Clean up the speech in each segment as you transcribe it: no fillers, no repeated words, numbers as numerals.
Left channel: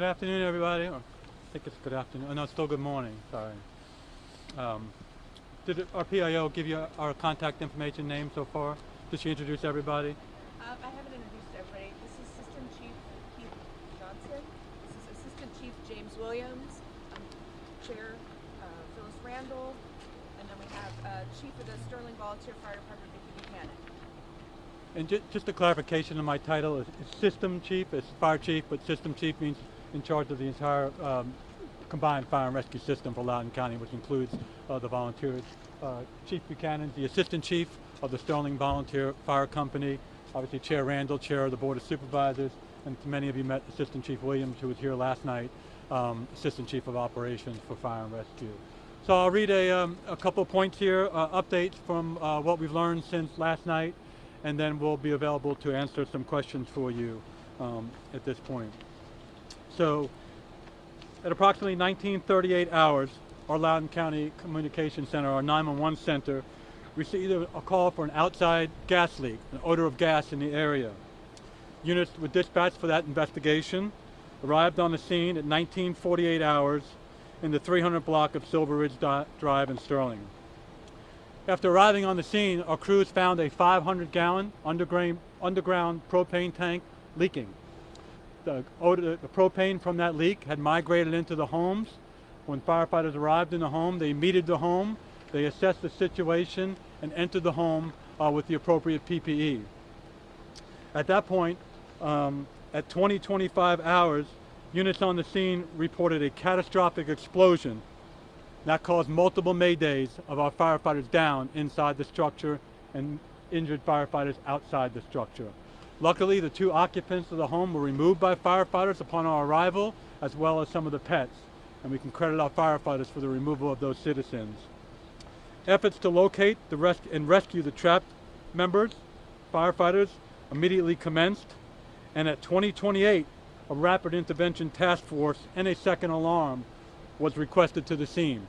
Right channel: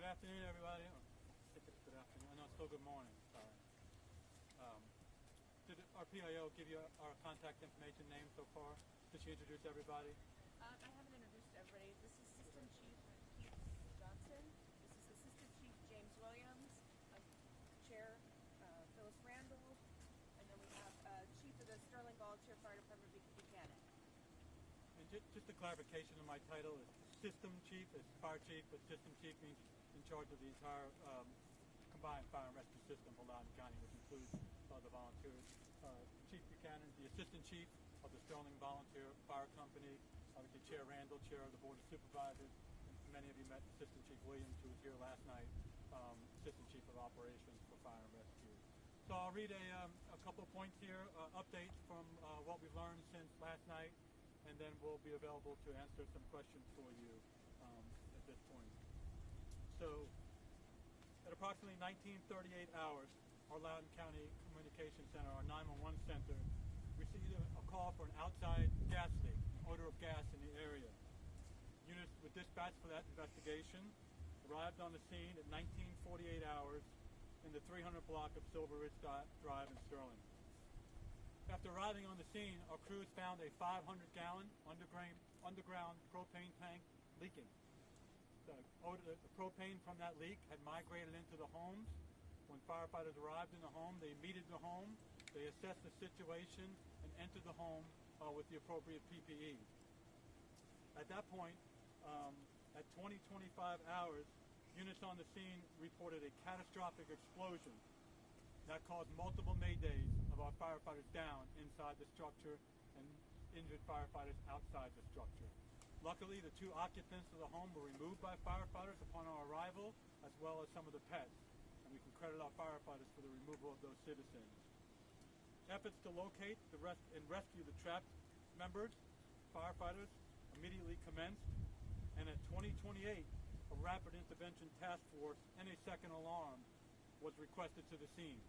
Good afternoon, everybody. Or I think it's good afternoon. Oh, no, it's still good morning. Sorry. Did our PIO give you our contact information name so far? Did she introduce everybody? I haven't introduced everybody. This is Assistant Chief Keith Johnson. This is Assistant Chief James Williams. I'm Chair Phyllis Randall. And then we have Chief of the Sterling Volunteer Fire Department, Vicki Buchanan. And just a clarification of my title, it's System Chief, it's Fire Chief, but System Chief means in charge of the entire combined fire and rescue system for Loudoun County, which includes the volunteers. Chief Buchanan, the Assistant Chief of the Sterling Volunteer Fire Company, obviously Chair Randall, Chair of the Board of Supervisors, and many of you met Assistant Chief Williams, who was here last night, Assistant Chief of Operations for Fire and Rescue. So I'll read a couple of points here, updates from what we've learned since last night, and then we'll be available to answer some questions for you at this point. So at approximately 1938 hours, our Loudoun County Communication Center, our 911 center, received a call for an outside gas leak, an odor of gas in the area. Units were dispatched for that investigation, arrived on the scene at 1948 hours in the 300 block of Silver Ridge Drive in Sterling. After arriving on the scene, our crews found a 500-gallon underground propane tank leaking. The propane from that leak had migrated into the homes. When firefighters arrived in the home, they metered the home, they assessed the situation, and entered the home with the appropriate PPE. At that point, at 20:25 hours, units on the scene reported a catastrophic explosion that caused multiple maydays of our firefighters down inside the structure and injured firefighters outside the structure. Luckily, the 2 occupants of the home were removed by firefighters upon our arrival, as well as some of the pets, and we can credit our firefighters for the removal of those citizens. Efforts to locate and rescue the trapped members, firefighters, immediately commenced, and at 20:28, a rapid intervention task force and a second alarm was requested to the scene.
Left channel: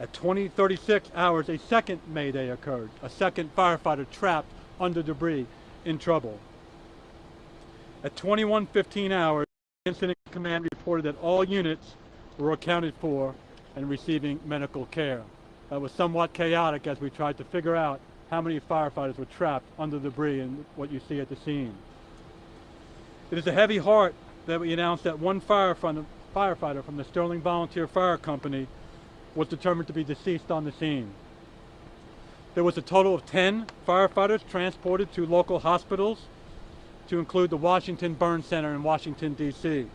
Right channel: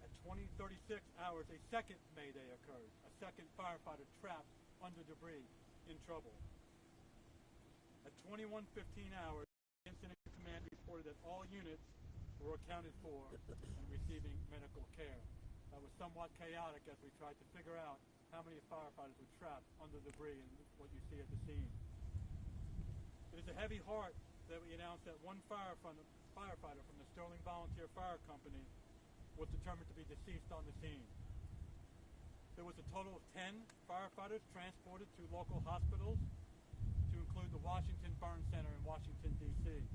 At 20:36 hours, a second mayday occurred, a second firefighter trapped under debris in trouble. At 21:15 hours, Incident Command reported that all units were accounted for and receiving medical care. That was somewhat chaotic as we tried to figure out how many firefighters were trapped under debris and what you see at the scene. It is a heavy heart that we announced that one firefighter from the Sterling Volunteer Fire Company was determined to be deceased on the scene. There was a total of 10 firefighters transported to local hospitals, to include the Washington Burn Center in Washington, D.C.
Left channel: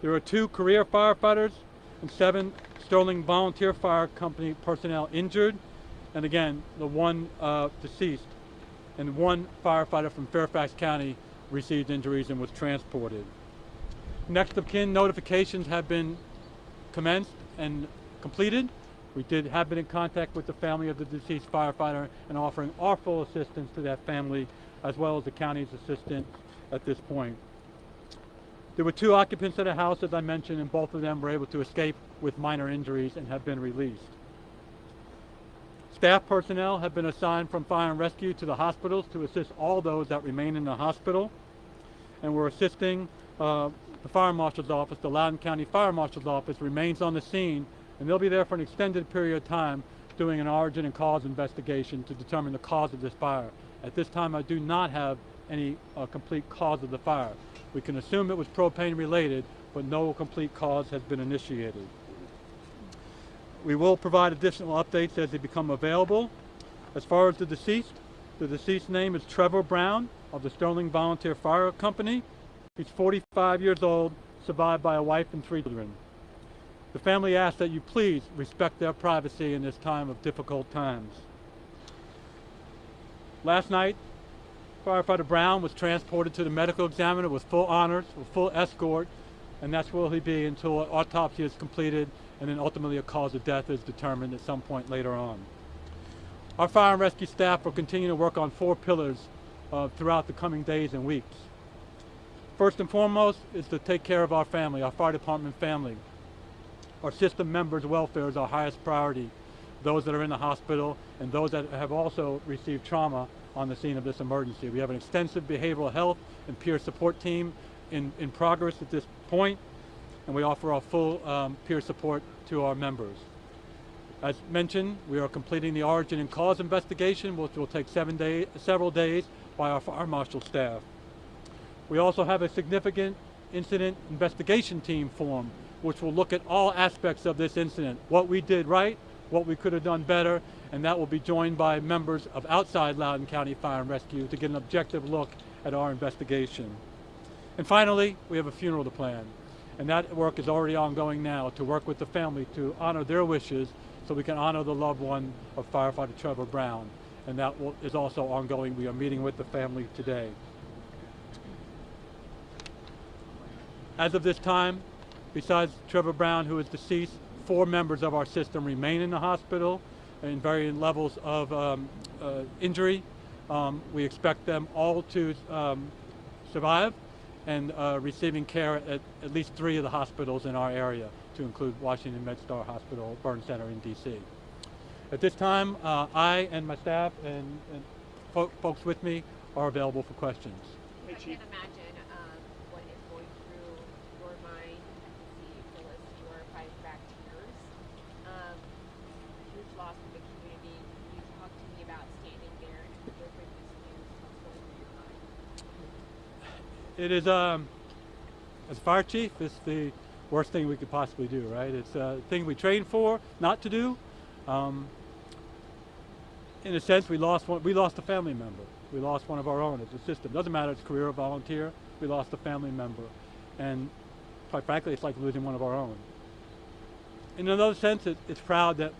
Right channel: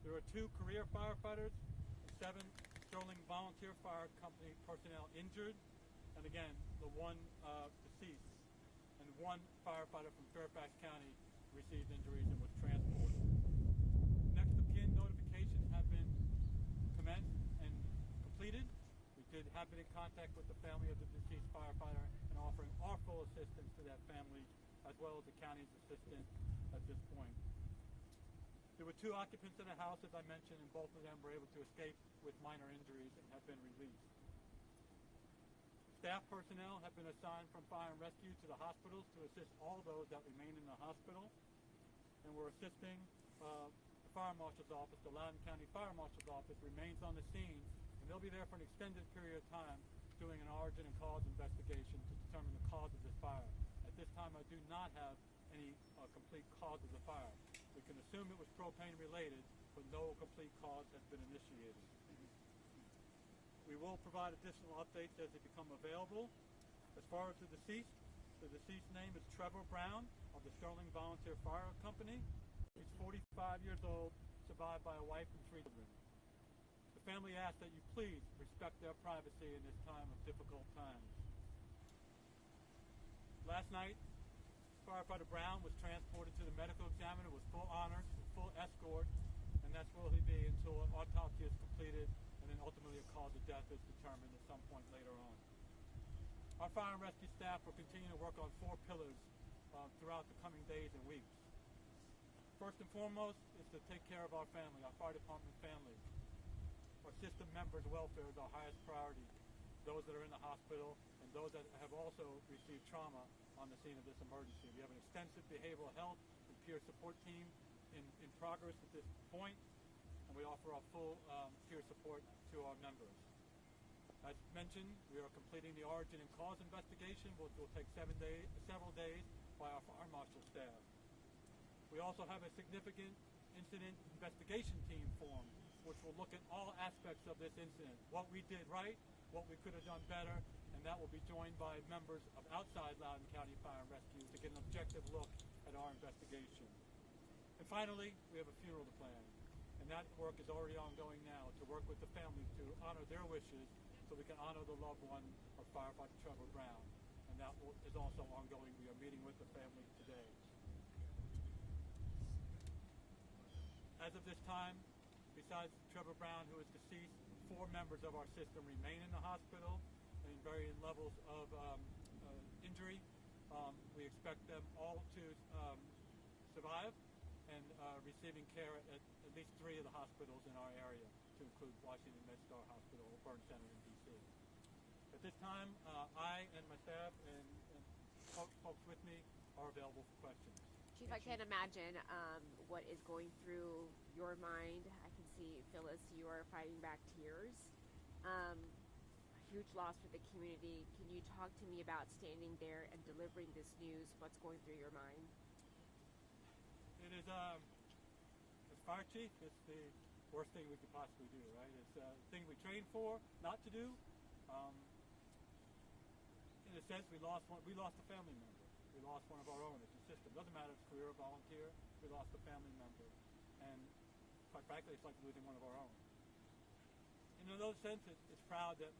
There are 2 career firefighters and 7 Sterling Volunteer Fire Company personnel injured, and again, the 1 deceased, and 1 firefighter from Fairfax County received injuries and was transported. Next of kin notifications have been commenced and completed. We have been in contact with the family of the deceased firefighter and offering our full assistance to that family, as well as the county's assistance at this point. There were 2 occupants of the house, as I mentioned, and both of them were able to escape with minor injuries and have been released. Staff personnel have been assigned from Fire and Rescue to the hospitals to assist all those that remain in the hospital, and we're assisting the Fire Marshal's Office. The Loudoun County Fire Marshal's Office remains on the scene, and they'll be there for an extended period of time doing an origin and cause investigation to determine the cause of this fire. At this time, I do not have any complete cause of the fire. We can assume it was propane related, but no complete cause has been initiated. We will provide additional updates as they become available. As far as the deceased name is Trevor Brown of the Sterling Volunteer Fire Company. He's 45 years old, survived by a wife and 3 children. The family asks that you please respect their privacy in this time of difficult times. Last night, Firefighter Brown was transported to the medical examiner with full honors, with full escort, and that's where he'll be until an autopsy is completed and then ultimately a cause of death is determined at some point later on. Our fire and rescue staff will continue to work on 4 pillars throughout the coming days and weeks. First and foremost is to take care of our family, our fire department family. Our system members' welfare is our highest priority. Those that are in the hospital and those that have also received trauma on the scene of this emergency. We have an extensive behavioral health and peer support team in progress at this point, and we offer our full peer support to our members. As mentioned, we are completing the origin and cause investigation, which will take several days by our fire marshal staff. We also have a significant incident investigation team formed, which will look at all aspects of this incident, what we did right, what we could have done better, and that will be joined by members of outside Loudoun County Fire and Rescue to get an objective look at our investigation. And finally, we have a funeral to plan, and that work is already ongoing now to work with the family to honor their wishes so we can honor the loved one of firefighter Trevor Brown, and that is also ongoing. We are meeting with the family today. As of this time, besides Trevor Brown, who is deceased, 4 members of our system remain in the hospital in varying levels of injury. We expect them all to survive and receiving care at least 3 of the hospitals in our area, to include Washington MedStar Hospital, Burn Center in DC. At this time, I and my staff and folks with me are available for questions. If I can imagine what is going through your mind, I can see, Phyllis, you are fighting back tears. Huge loss for the community. Can you talk to me about standing there and delivering this news? What's going through your mind? It is, as fire chief, it's the worst thing we could possibly do, right? It's a thing we trained for not to do. In a sense, we lost a family member. We lost one of our own. It's a system. Doesn't matter if it's career or volunteer. We lost a family member. And quite frankly, it's like losing one of our own. In another sense, it's proud that,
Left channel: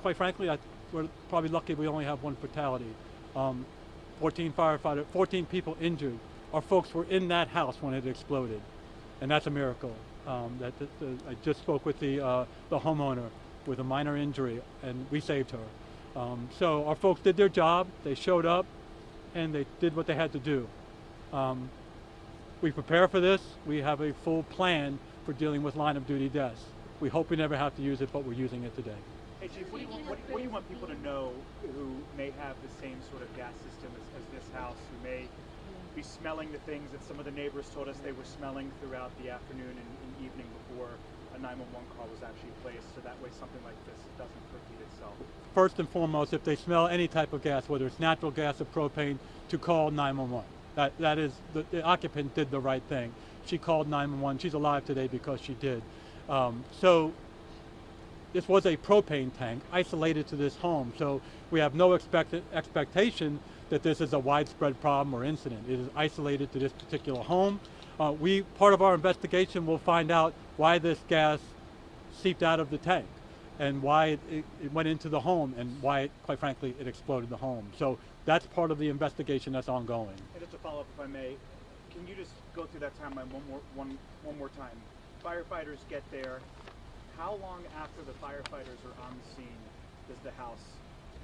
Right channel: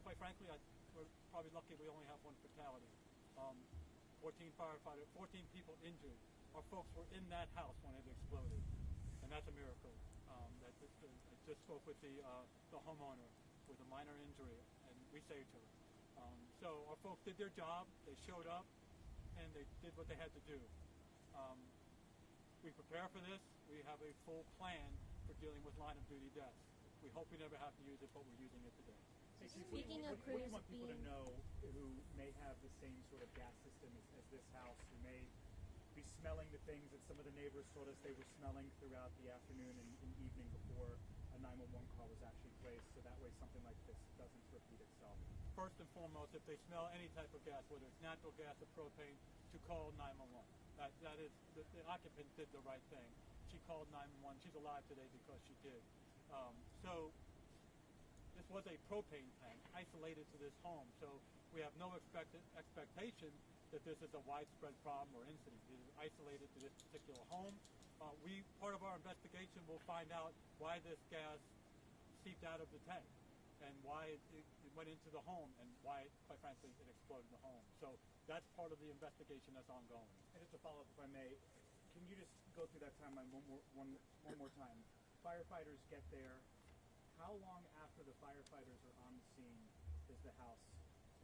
quite frankly, we're probably lucky we only have one fatality. 14 people injured. Our folks were in that house when it exploded. And that's a miracle. I just spoke with the homeowner with a minor injury, and we saved her. So our folks did their job. They showed up, and they did what they had to do. We prepare for this. We have a full plan for dealing with line of duty deaths. We hope we never have to use it, but we're using it today. Hey Chief, what do you want people to know who may have the same sort of gas system as this house, who may be smelling the things that some of the neighbors told us they were smelling throughout the afternoon and evening before a 911 call was actually placed, so that way something like this doesn't repeat itself? First and foremost, if they smell any type of gas, whether it's natural gas or propane, to call 911. That is, the occupant did the right thing. She called 911. She's alive today because she did. So this was a propane tank isolated to this home, so we have no expectation that this is a widespread problem or incident. It is isolated to this particular home. Part of our investigation will find out why this gas seeped out of the tank and why it went into the home and why, quite frankly, it exploded the home. So that's part of the investigation that's ongoing. And just to follow up, if I may, can you just go through that timeline one more time? Firefighters get there. How long after the firefighters are on the scene does the house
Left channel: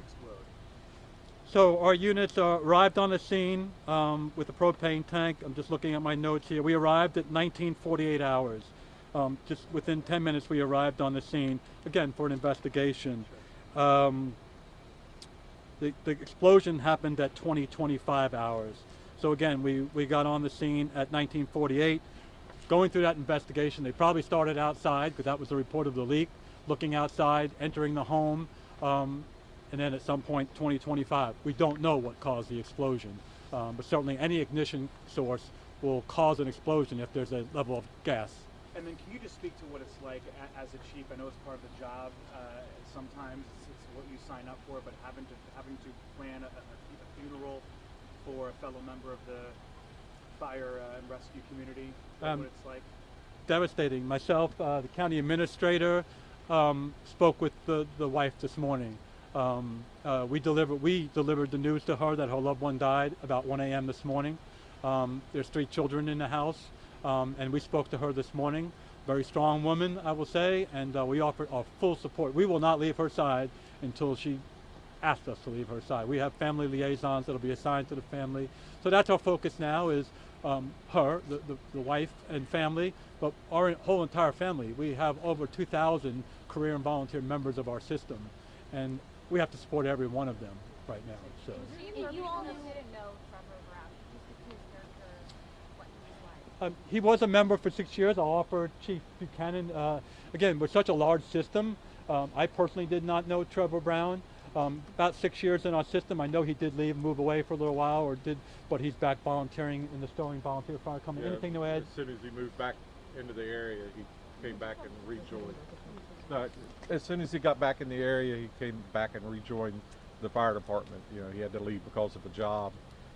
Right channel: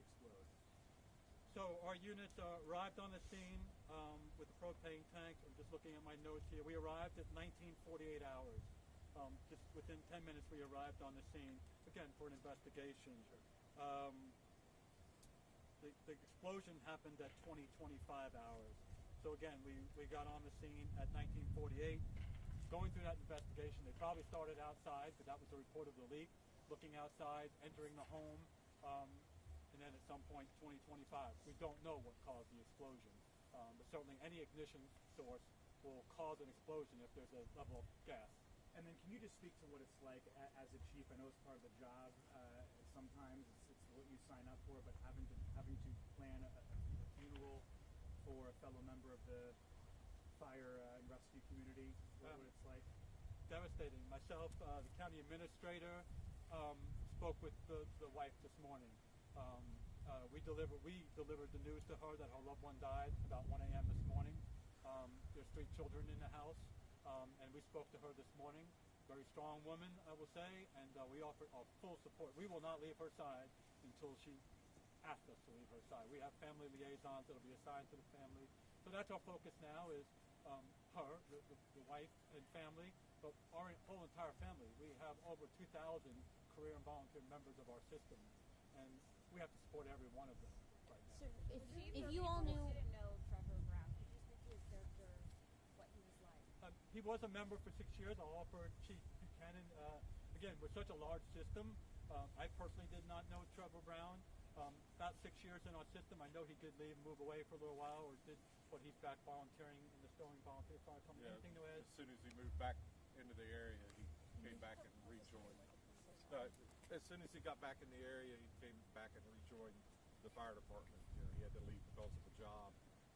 explode? So our units arrived on the scene with a propane tank. I'm just looking at my notes here. We arrived at 1948 hours. Just within 10 minutes we arrived on the scene, again, for an investigation. The explosion happened at 20-25 hours. So again, we got on the scene at 1948. Going through that investigation, they probably started outside because that was the report of the leak, looking outside, entering the home, and then at some point 20-25. We don't know what caused the explosion, but certainly any ignition source will cause an explosion if there's a level of gas. And then can you just speak to what it's like as a chief? I know it's part of the job. Sometimes it's what you sign up for, but having to plan a funeral for a fellow member of the fire and rescue community, what it's like? Devastating. Myself, the county administrator, spoke with the wife this morning. We delivered the news to her that her loved one died about 1 a.m. this morning. There's 3 children in the house, and we spoke to her this morning. Very strong woman, I will say, and we offered our full support. We will not leave her side until she asked us to leave her side. We have family liaisons that will be assigned to the family. So that's our focus now, is her, the wife and family, but our whole entire family. We have over 2,000 career and volunteer members of our system, and we have to support every one of them right now. So. You all didn't know Trevor Brown, just his character, what he was He was a member for 6 years. I'll offer Chief Buchanan. Again, we're such a large system. I personally did not know Trevor Brown. About 6 years in our system, I know he did leave, move away for a little while, but he's back volunteering in the Sterling Volunteer Fire Company. Yeah, Anything to add? as soon as he moved back into the area, he came back and rejoined. No, as soon as he got back in the area, he came back and rejoined the fire department. You know, he had to leave because of a job,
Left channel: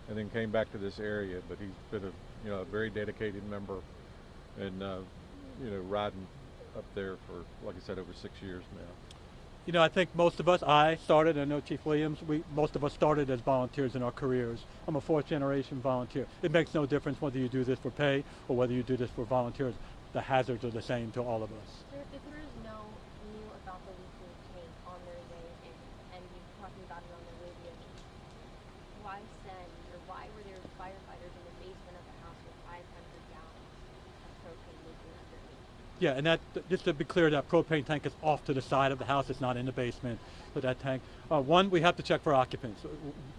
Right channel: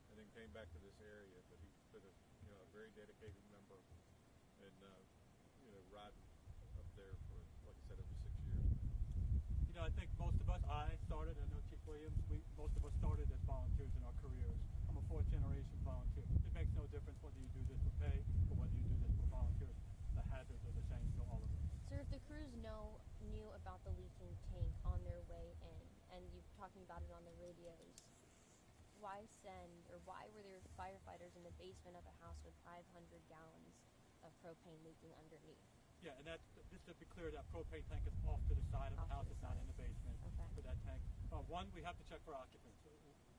and then came back to this area. But he's been a very dedicated member, and riding up there for, like I said, over 6 years now. You know, I think most of us, I started, I know Chief Williams, most of us started as volunteers in our careers. I'm a 4th generation volunteer. It makes no difference whether you do this for pay or whether you do this for volunteers. The hazards are the same to all of us. Sir, if there is no knew about the leaking tank on their way and you're talking about it on the radio, why were there firefighters in the basement of the house with 500 gallons of propane leaking underneath? Yeah, and that, just to be clear, that propane tank is off to the side of the house. It's not in the basement with that tank. One, we have to check for occupants.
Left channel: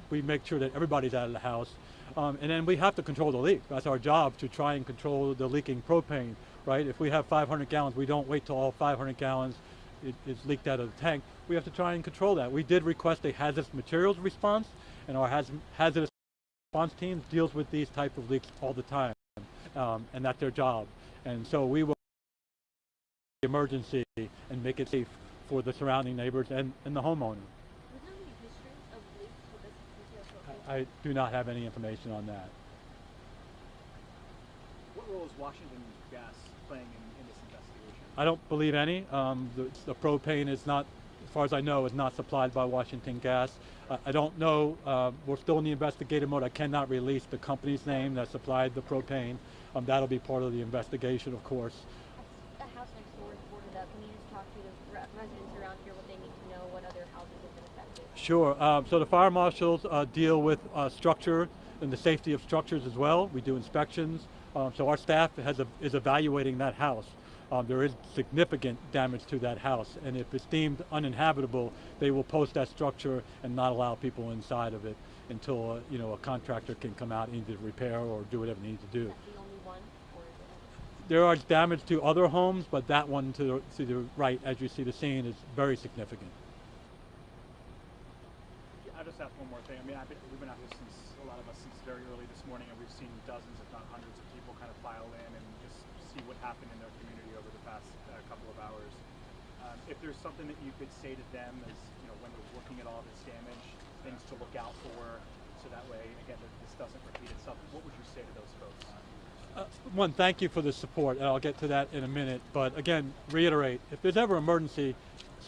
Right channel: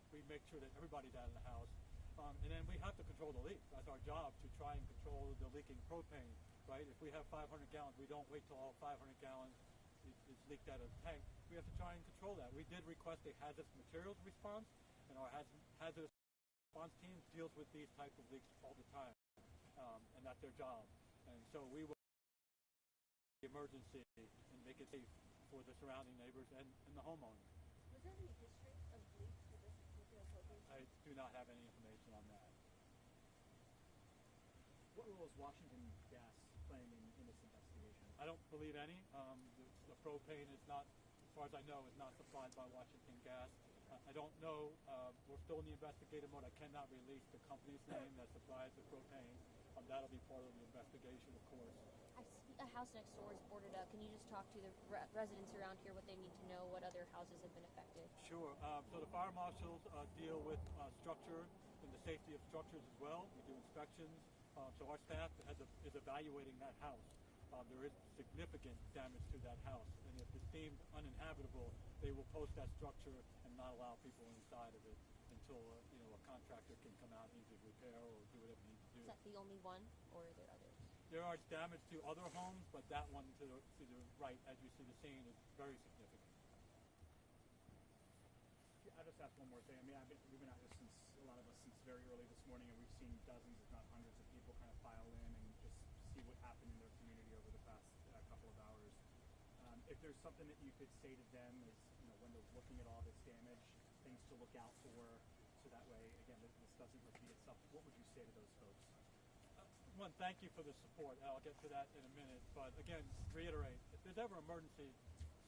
We make sure that everybody's out of the house. And then we have to control the leak. That's our job, to try and control the leaking propane, right? If we have 500 gallons, we don't wait till all 500 gallons is leaked out of the tank. We have to try and control that. We did request a hazardous materials response, and our hazardous response team deals with these type of leaks all the time, and that's their job. And so we will emergency and make it safe for the surrounding neighbors and the homeowner. Was there any history of leaks with this material propane? I do not have any information on that. What role is Washington Gas playing in this investigation? I don't believe any. The propane is not, as far as I know, is not supplied by Washington Gas. I don't know, we're still in the investigative mode. I cannot release the company's name that supplied the propane. That'll be part of the investigation, of course. The house next door is boarded up. Can you just talk to the residents around here what they need to know, what other houses have been affected? Sure. So the fire marshals deal with structure and the safety of structures as well. We do inspections. So our staff is evaluating that house. There is significant damage to that house, and if it's deemed uninhabitable, they will post that structure and not allow people inside of it until a contractor can come out and either repair or do whatever they need to do. Is that the only one, or is it others? There are damage to other homes, but that one to the right, as you see the scene, is very significant. I just have one more thing. I mean, we've been out here a lot of us since very early this morning, and we've seen dozens, if not hundreds, of people kind of file in and just see what happened in their community over the past couple of hours. If there's something that you could say to them as, when they're looking at all this damage, things to look out for, so that way, again, this doesn't repeat itself, what would you say to those folks? One, thank you for the support, and I'll get to that in a minute. But again, reiterate, if there's ever emergency,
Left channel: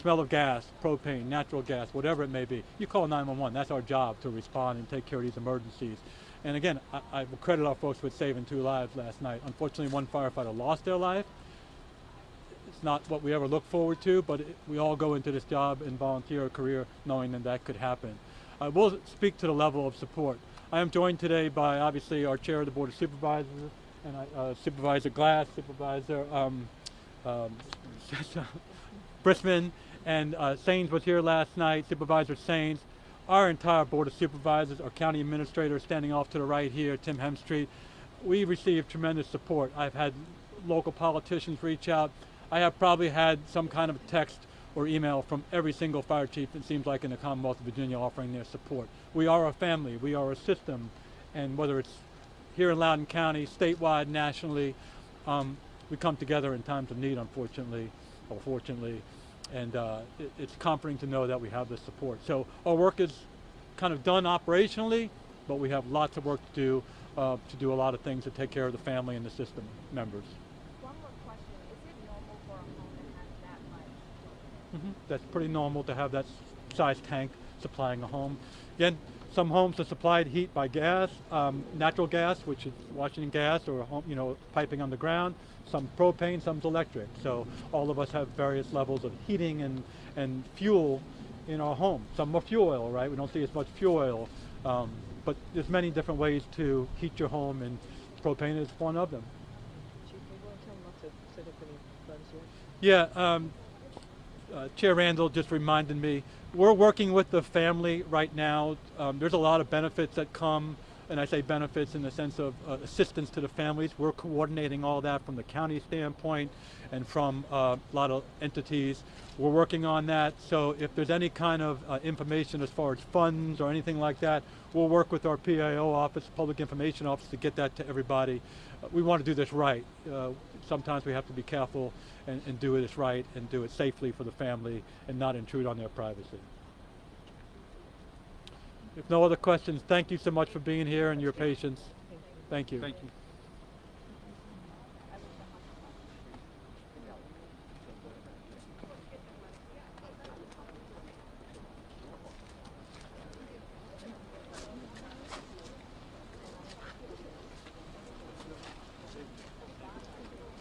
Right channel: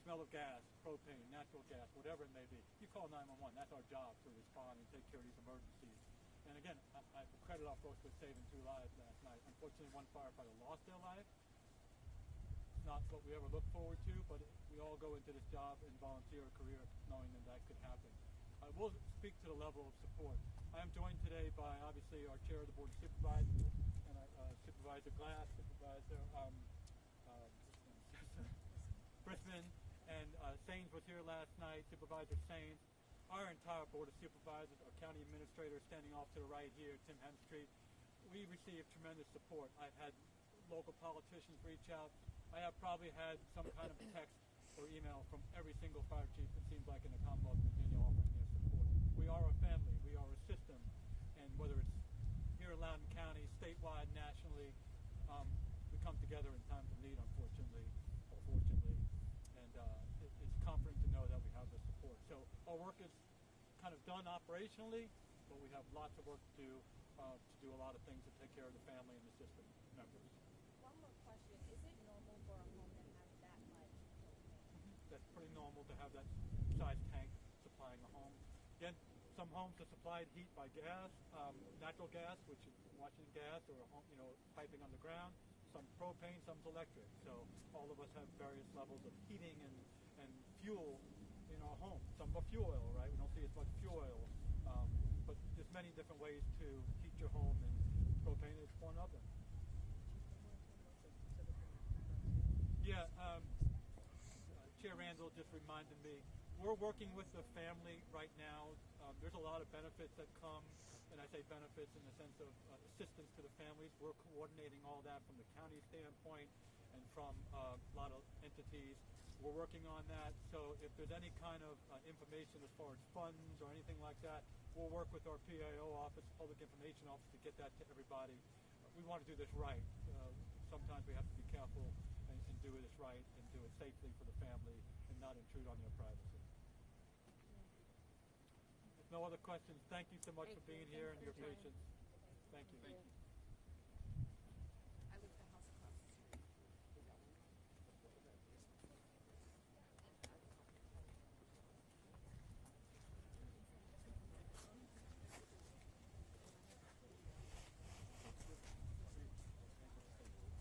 smell of gas, propane, natural gas, whatever it may be, you call 911. That's our job, to respond and take care of these emergencies. And again, I will credit our folks with saving 2 lives last night. Unfortunately, 1 firefighter lost their life. It's not what we ever look forward to, but we all go into this job and volunteer a career knowing that could happen. I will speak to the level of support. I am joined today by, obviously, our chair of the Board of Supervisors, and Supervisor Glass, Supervisor Brisman, and Sains was here last night, Supervisor Sains. Our entire Board of Supervisors, our county administrator standing off to the right here, Tim Hemstreet. We received tremendous support. I've had local politicians reach out. I have probably had some kind of text or email from every single fire chief, it seems like, in the Commonwealth of Virginia, offering their support. We are a family, we are a system, and whether it's here in Loudoun County, statewide, nationally, we come together in times of need, unfortunately, or fortunately, and it's comforting to know that we have this support. So our work is kind of done operationally, but we have lots of work to do a lot of things to take care of the family and the system members. One more question. Is it normal for a home to have that much propane? That's pretty normal to have that size tank supplying a home. Again, some homes are supplied heat by gas, natural gas, which is Washington Gas, or piping underground. Some propane, some's electric. So all of us have various levels of heating and fuel in our home. Some are fuel oil, right? We don't see as much fuel oil, but there's many different ways to heat your home, and propane is one of them. Chief, you want to tell them not to set up any funds here? Yeah, Chair Randall just reminded me, we're working with the family right now. There's a lot of benefits that come and I say benefits in the sense of assistance to the families. We're coordinating all that from the county standpoint and from a lot of entities. We're working on that, so if there's any kind of information as far as funds or anything like that, we'll work with our PIO office, Public Information Office, to get that to everybody. We want to do this right. Sometimes we have to be careful and do this right and do it safely for the family and not intrude on their privacy. If no other questions, thank you so much for being here and your patience. Thank you. Thank you.